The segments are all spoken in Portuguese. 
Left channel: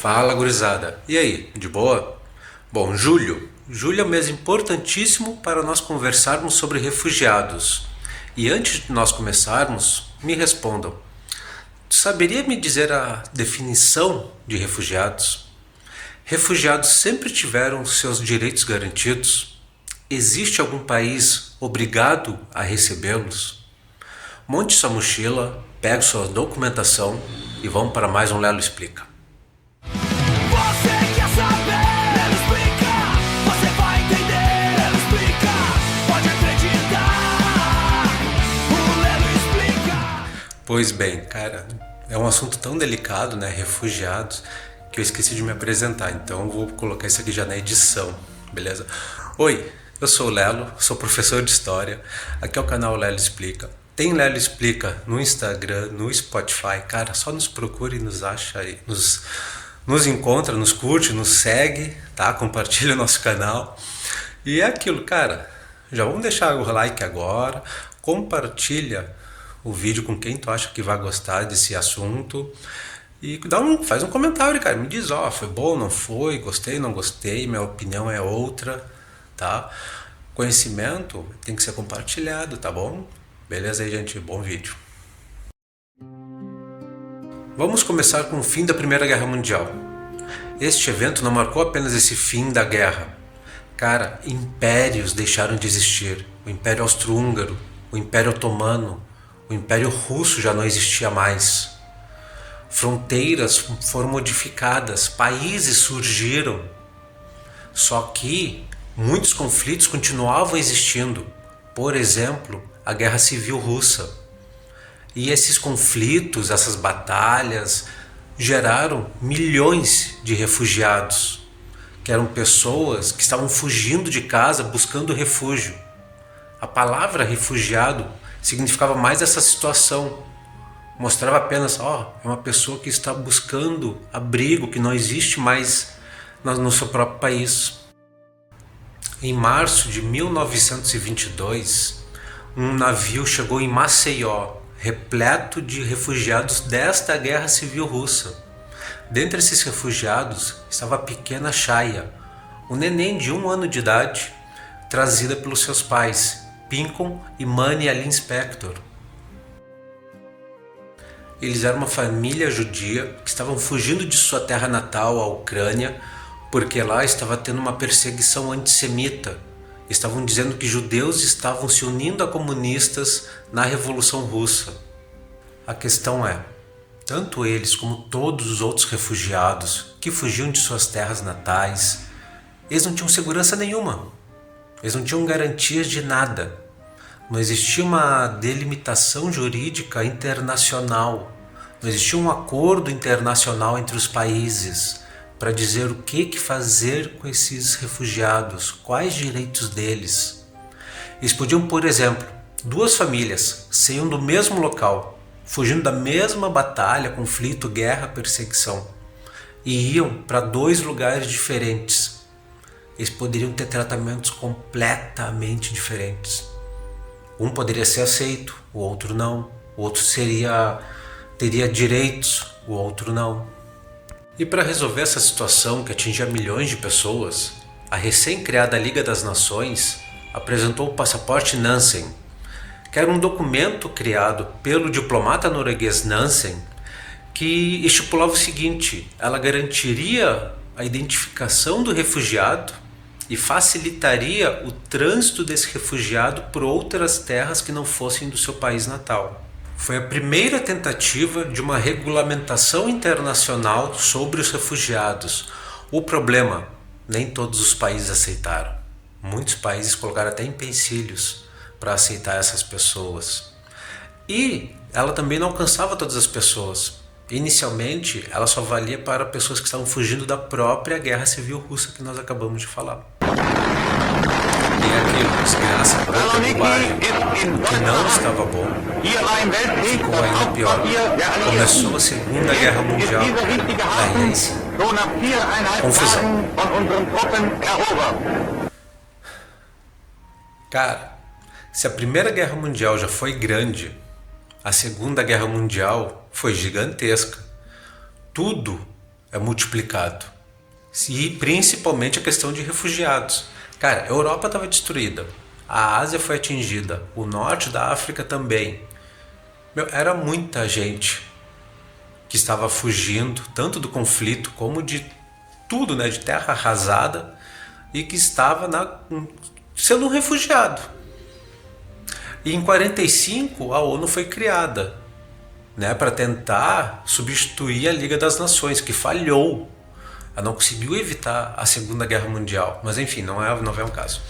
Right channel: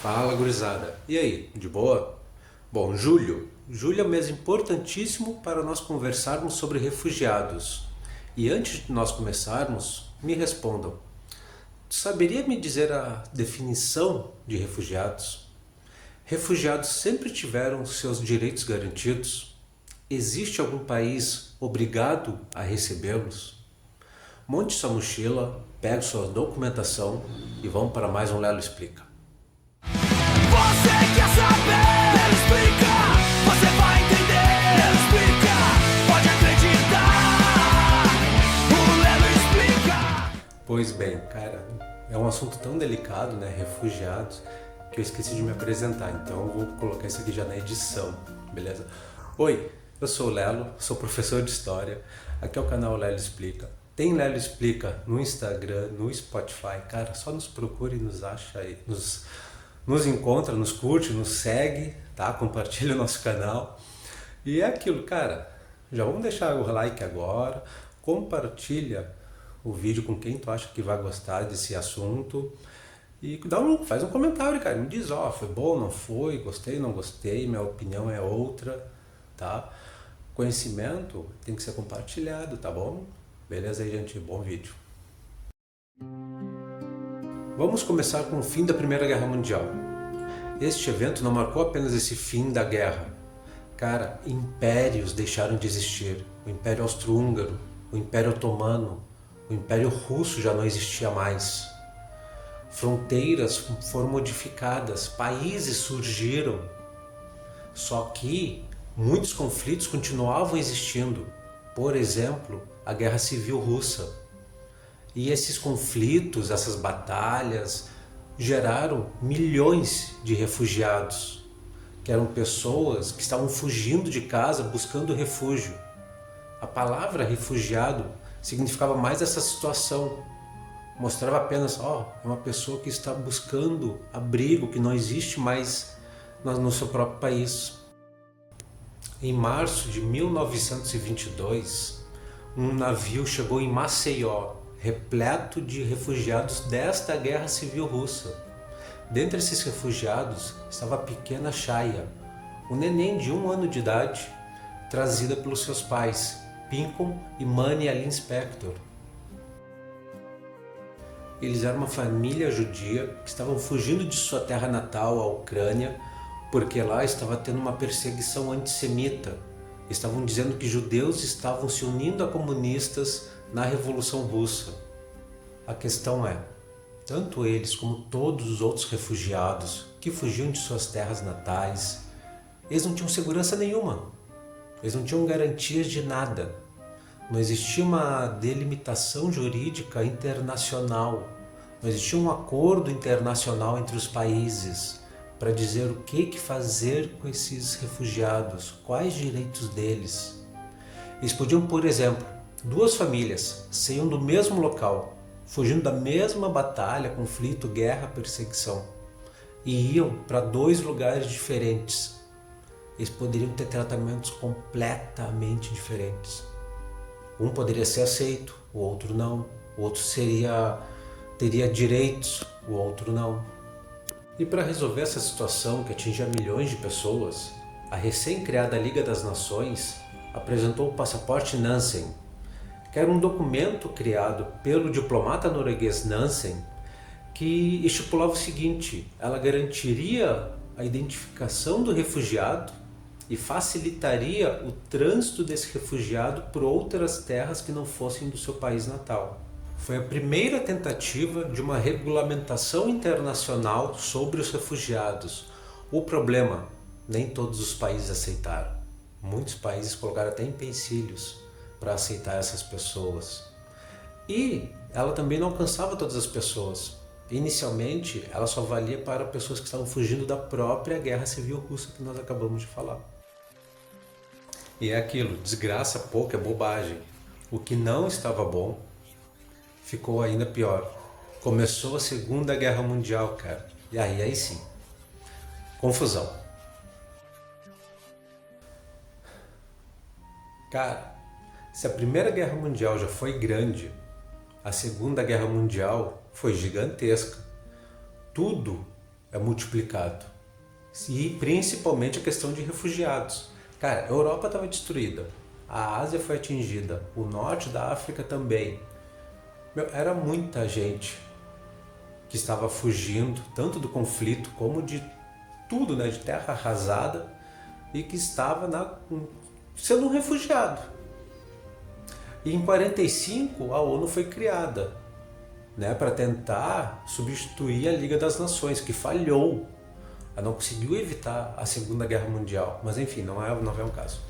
Fala, gurizada. E aí, de boa? Bom, julho. Julho é um mês importantíssimo para nós conversarmos sobre refugiados. E antes de nós começarmos, me respondam. Saberia me dizer a definição de refugiados? Refugiados sempre tiveram seus direitos garantidos? Existe algum país obrigado a recebê-los? Monte sua mochila, pegue sua documentação e vamos para mais um Lelo Explica. Você quer saber? Ele explica. Você vai entender. Ele explica. Pode acreditar. O Lelo explica. Pois bem, cara, é um assunto tão delicado, né? Refugiados, que eu esqueci de me apresentar, então eu vou colocar isso aqui já na edição, beleza? Oi, eu sou o Lelo, sou professor de História, aqui é o canal Lelo Explica. Tem Lelo Explica no Instagram, no Spotify, cara, só nos procure e nos acha aí, nos encontra, nos curte, nos segue, tá? Compartilha o nosso canal. E é aquilo, cara, já vamos deixar o like agora, compartilha o vídeo com quem tu acha que vai gostar desse assunto e faz um comentário, cara, me diz, foi bom, não foi, gostei, não gostei, minha opinião é outra, tá? Conhecimento tem que ser compartilhado, tá bom? Beleza aí, gente, bom vídeo. Vamos começar com o fim da Primeira Guerra Mundial. Este evento não marcou apenas esse fim da guerra. Cara, impérios deixaram de existir. O Império Austro-Húngaro, o Império Otomano, o Império Russo já não existia mais. Fronteiras foram modificadas, países surgiram. Só que muitos conflitos continuavam existindo. Por exemplo, a Guerra Civil Russa. E esses conflitos, essas batalhas, geraram milhões de refugiados, que eram pessoas que estavam fugindo de casa buscando refúgio. A palavra refugiado significava mais essa situação. Mostrava apenas, é uma pessoa que está buscando abrigo, que não existe mais no seu próprio país. Em março de 1922, um navio chegou em Maceió, repleto de refugiados desta guerra civil russa. Dentre esses refugiados estava a pequena Chaya, um neném de 1 ano de idade, trazida pelos seus pais, Pincon e Mani Alin Spector. Eles eram uma família judia que estavam fugindo de sua terra natal, a Ucrânia, porque lá estava tendo uma perseguição antissemita. Estavam dizendo que judeus estavam se unindo a comunistas na Revolução Russa. A questão é, tanto eles como todos os outros refugiados que fugiam de suas terras natais, eles não tinham segurança nenhuma. Eles não tinham garantias de nada. Não existia uma delimitação jurídica internacional. Não existia um acordo internacional entre os países para dizer o que fazer com esses refugiados, quais direitos deles. Eles podiam, por exemplo, 2 famílias saíam do mesmo local, fugindo da mesma batalha, conflito, guerra, perseguição, e iam para 2 lugares diferentes. Eles poderiam ter tratamentos completamente diferentes. Um poderia ser aceito, o outro não. O outro teria direitos, o outro não. E para resolver essa situação que atingia milhões de pessoas, a recém-criada Liga das Nações apresentou o Passaporte Nansen, que era um documento criado pelo diplomata norueguês Nansen, que estipulava o seguinte: ela garantiria a identificação do refugiado e facilitaria o trânsito desse refugiado por outras terras que não fossem do seu país natal. Foi a primeira tentativa de uma regulamentação internacional sobre os refugiados. O problema, nem todos os países aceitaram. Muitos países colocaram até empecilhos para aceitar essas pessoas. E ela também não alcançava todas as pessoas. Inicialmente, ela só valia para pessoas que estavam fugindo da própria guerra civil russa que nós acabamos de falar. E aquilo, desgraça, pouca bobagem. O que não estava bom ficou ainda pior. Começou a Segunda Guerra Mundial. E aí sim, confusão. Cara, se a Primeira Guerra Mundial já foi grande, a Segunda Guerra Mundial foi gigantesca. Tudo é multiplicado. E principalmente a questão de refugiados. Cara, a Europa estava destruída, a Ásia foi atingida, o norte da África também. Era muita gente que estava fugindo, tanto do conflito como de tudo, né, de terra arrasada, e que estava sendo um refugiado. E em 45 a ONU foi criada, né, para tentar substituir a Liga das Nações, que falhou. Ela não conseguiu evitar a Segunda Guerra Mundial, mas enfim, não é um caso.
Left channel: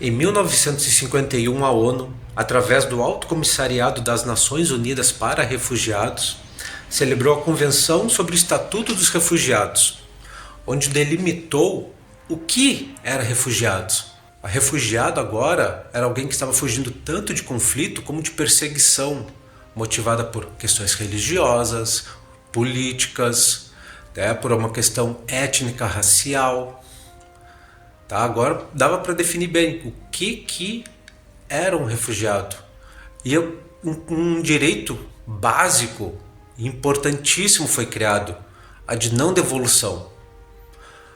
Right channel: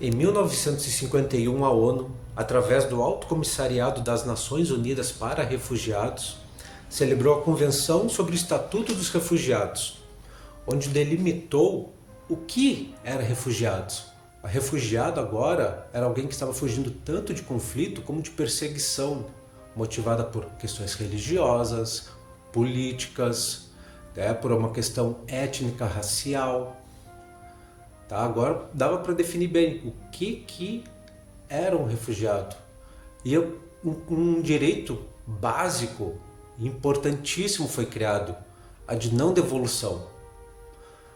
Em 1951, a ONU, através do Alto Comissariado das Nações Unidas para Refugiados, celebrou a Convenção sobre o Estatuto dos Refugiados, onde delimitou o que era refugiados. A refugiado agora era alguém que estava fugindo tanto de conflito como de perseguição, motivada por questões religiosas, políticas, né, por uma questão étnica, racial. Tá? Agora dava para definir bem o que era um refugiado. E um direito básico, importantíssimo foi criado, a de não devolução.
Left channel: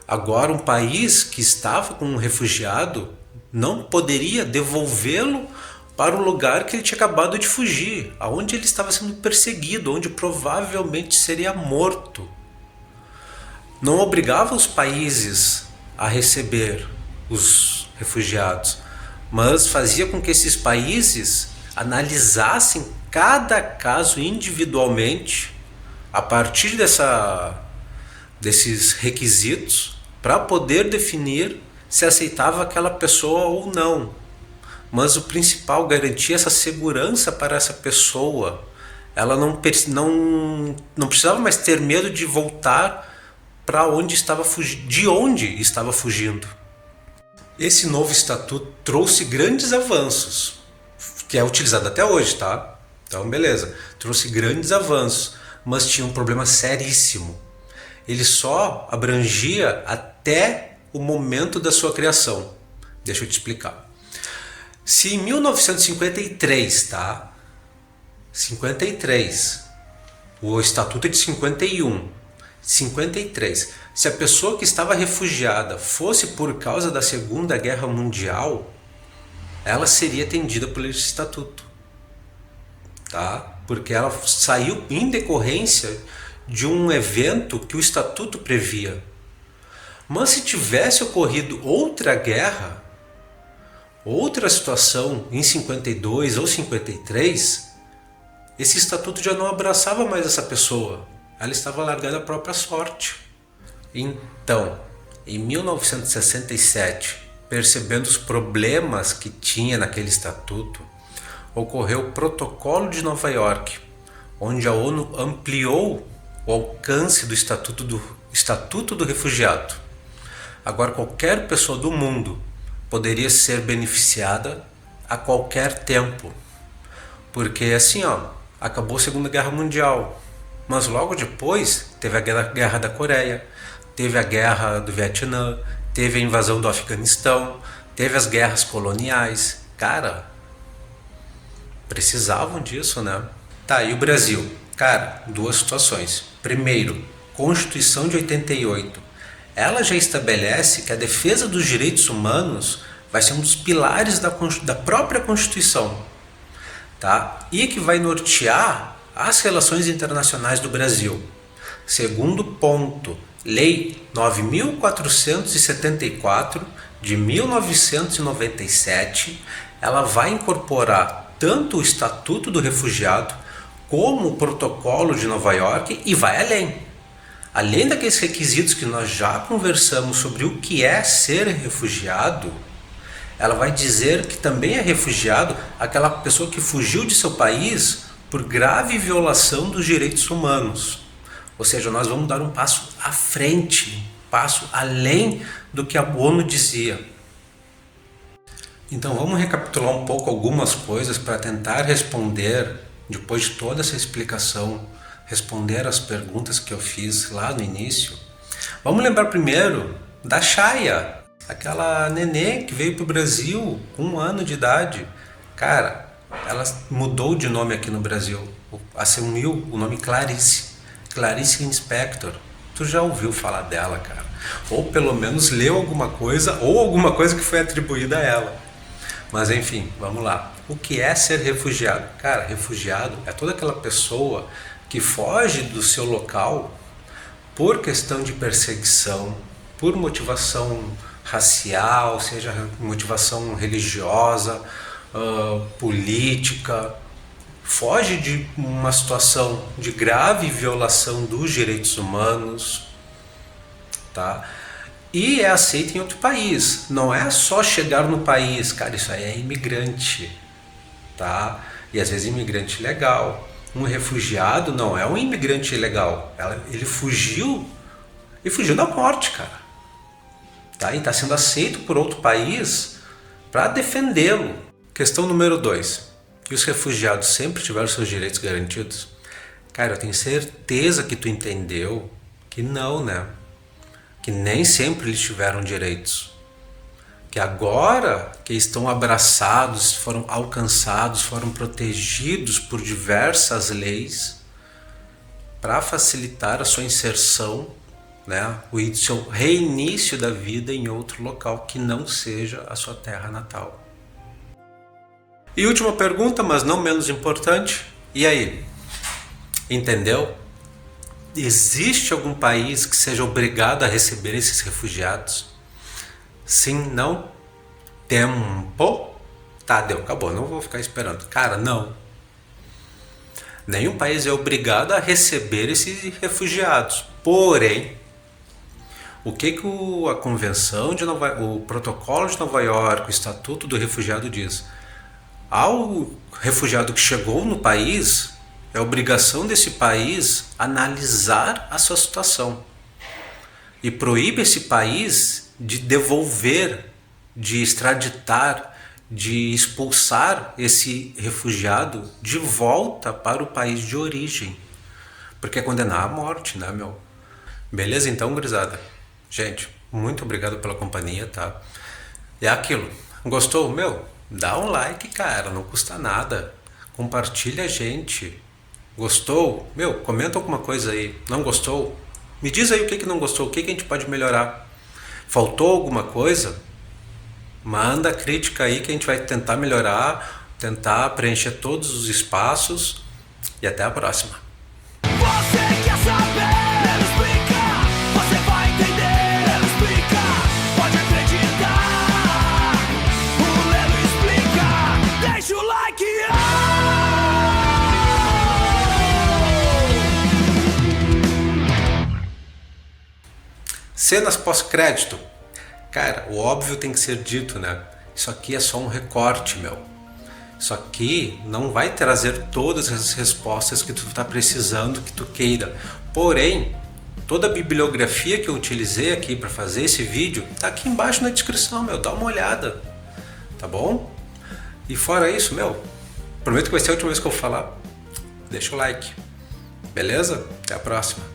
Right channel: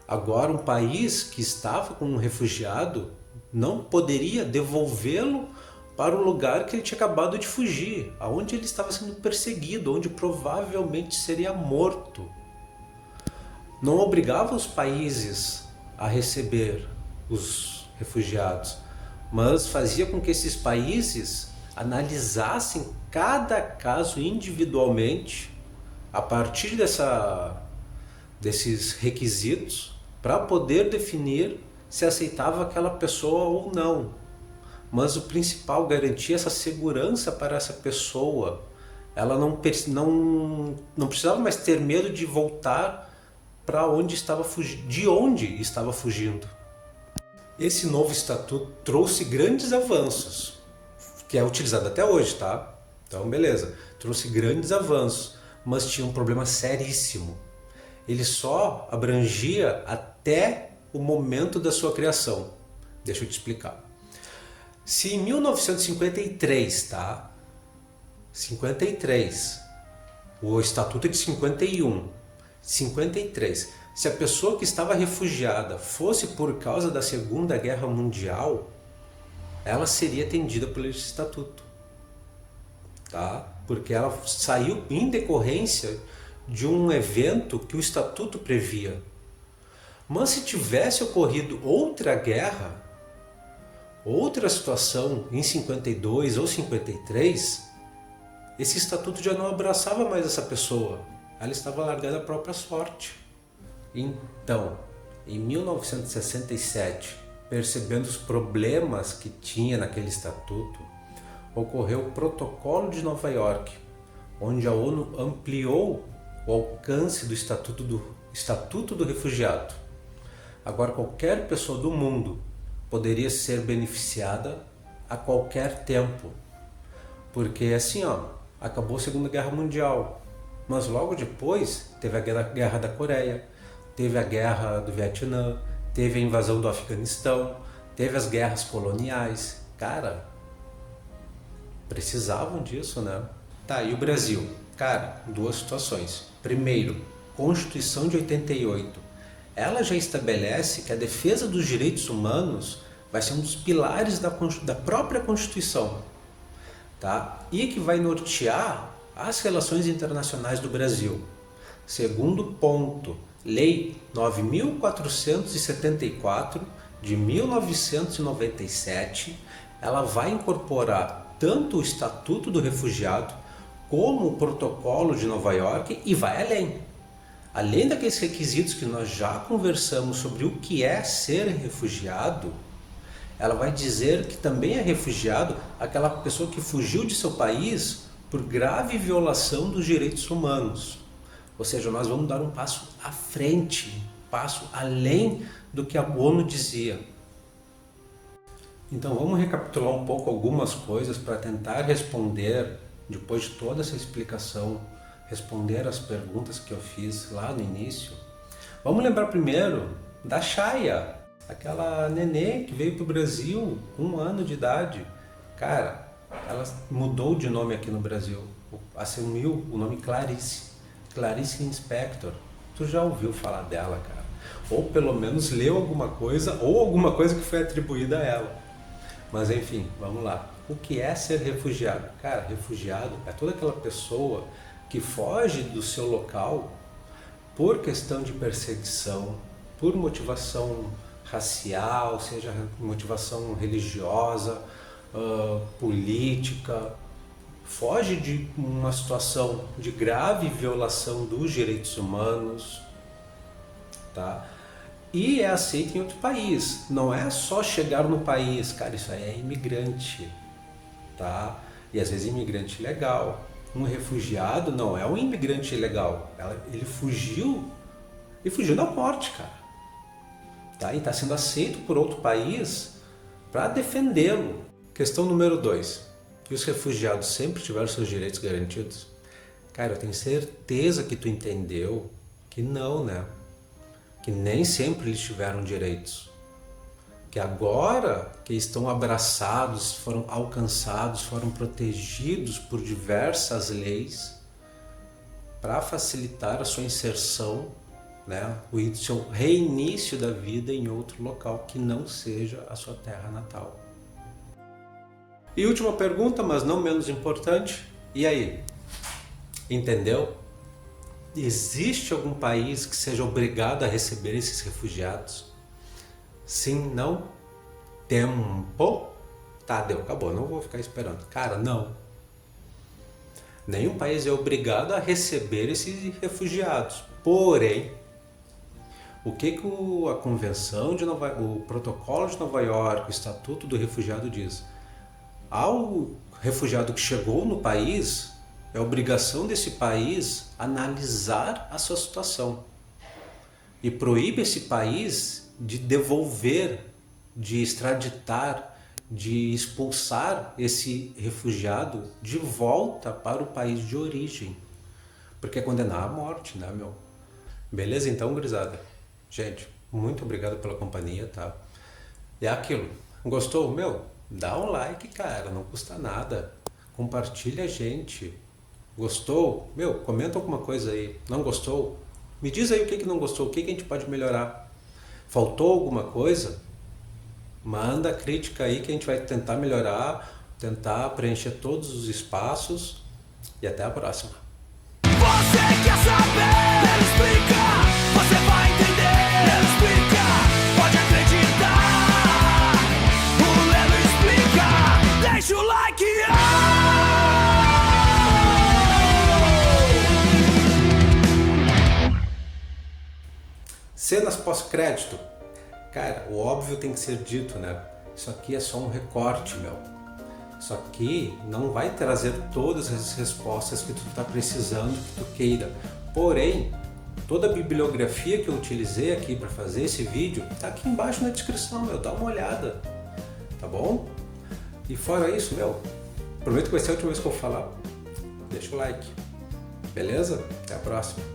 Agora um país que estava com um refugiado não poderia devolvê-lo para o lugar que ele tinha acabado de fugir, aonde ele estava sendo perseguido, onde provavelmente seria morto. Não obrigava os países a receber os refugiados, mas fazia com que esses países analisassem cada caso individualmente a partir desses requisitos para poder definir se aceitava aquela pessoa ou não. Mas o principal, garantir essa segurança para essa pessoa. Ela não precisava mais ter medo de voltar para de onde estava fugindo. Esse novo estatuto trouxe grandes avanços, que é utilizado até hoje, tá? Então, beleza, trouxe grandes avanços, mas tinha um problema seríssimo. Ele só abrangia até o momento da sua criação. Deixa eu te explicar. Se em 1953, tá? 53, o estatuto é de 51, 53, se a pessoa que estava refugiada fosse por causa da Segunda Guerra Mundial, ela seria atendida por esse estatuto, tá? Porque ela saiu em decorrência de um evento que o estatuto previa. Mas se tivesse ocorrido outra guerra, outra situação em 52 ou 53, esse estatuto já não abraçava mais essa pessoa. Ela estava largando a própria sorte. Então, em 1967, percebendo os problemas que tinha naquele estatuto, ocorreu o Protocolo de Nova York, onde a ONU ampliou o alcance do Estatuto do Refugiado. Agora qualquer pessoa do mundo poderia ser beneficiada a qualquer tempo. Porque assim, acabou a Segunda Guerra Mundial, mas logo depois teve a Guerra da Coreia, teve a Guerra do Vietnã, teve a invasão do Afeganistão, teve as guerras coloniais. Cara, precisavam disso, né? Tá, e o Brasil? Cara, duas situações. Primeiro, Constituição de 88. Ela já estabelece que a defesa dos direitos humanos vai ser um dos pilares da própria Constituição, tá? E que vai nortear as relações internacionais do Brasil. Segundo ponto, Lei 9.474 de 1997, ela vai incorporar tanto o Estatuto do Refugiado como o Protocolo de Nova York e vai além. Além daqueles requisitos que nós já conversamos sobre o que é ser refugiado, ela vai dizer que também é refugiado aquela pessoa que fugiu de seu país por grave violação dos direitos humanos. Ou seja, nós vamos dar um passo à frente, um passo além do que a ONU dizia. Então vamos recapitular um pouco algumas coisas para tentar responder, depois de toda essa explicação, responder as perguntas que eu fiz lá no início. Vamos lembrar primeiro da Chaya, aquela nenê que veio para o Brasil com 1 ano de idade. Cara, ela mudou de nome aqui no Brasil, assumiu o nome Clarice Lispector. tu já ouviu falar dela, cara. Ou pelo menos leu alguma coisa, ou alguma coisa que foi atribuída a ela. Mas enfim, vamos lá. O que é ser refugiado? Cara, refugiado é toda aquela pessoa que foge do seu local por questão de perseguição, por motivação racial, seja motivação religiosa, política, foge de uma situação de grave violação dos direitos humanos, tá? E é aceito em outro país. Não é só chegar no país, cara, isso aí é imigrante, tá? E às vezes imigrante legal. Um refugiado não é um imigrante ilegal. Ele fugiu e fugiu da morte, cara. Tá? E está sendo aceito por outro país para defendê-lo. Questão número 2. E os refugiados sempre tiveram seus direitos garantidos? Cara, eu tenho certeza que tu entendeu que não, né? Que nem sempre eles tiveram direitos. Que agora que estão abraçados, foram alcançados, foram protegidos por diversas leis para facilitar a sua inserção, né? O seu reinício da vida em outro local que não seja a sua terra natal. E última pergunta, mas não menos importante, e aí? Entendeu? Existe algum país que seja obrigado a receber esses refugiados? Sim, não? Tempo? Tá, deu, acabou, não vou ficar esperando. Cara, não. Nenhum país é obrigado a receber esses refugiados. Porém, o que a Convenção de o Protocolo de Nova York, o Estatuto do Refugiado diz? Ao refugiado que chegou no país, é obrigação desse país analisar a sua situação e proíbe esse país de devolver, de extraditar, de expulsar esse refugiado de volta para o país de origem, porque é condenar à morte, né, meu? Beleza, então, gurizada? Gente, muito obrigado pela companhia, tá? É aquilo, gostou? Meu, dá um like, cara, não custa nada. Compartilha a gente. Gostou? Meu, comenta alguma coisa aí. Não gostou? Me diz aí o que não gostou, o que a gente pode melhorar. Faltou alguma coisa? Manda crítica aí que a gente vai tentar melhorar, tentar preencher todos os espaços e até a próxima. Você quer saber? Explica, você vai entender. Explica, pode acreditar. O Lelo explica. Deixa o like. Cenas pós-crédito. Cara, o óbvio tem que ser dito, né? Isso aqui é só um recorte, meu. Isso aqui não vai trazer todas as respostas que tu está precisando, que tu queira. Porém, toda a bibliografia que eu utilizei aqui para fazer esse vídeo tá aqui embaixo na descrição, meu. Dá uma olhada, tá bom? E fora isso, meu, prometo que vai ser a última vez que eu falar. Deixa o like, beleza? Até a próxima.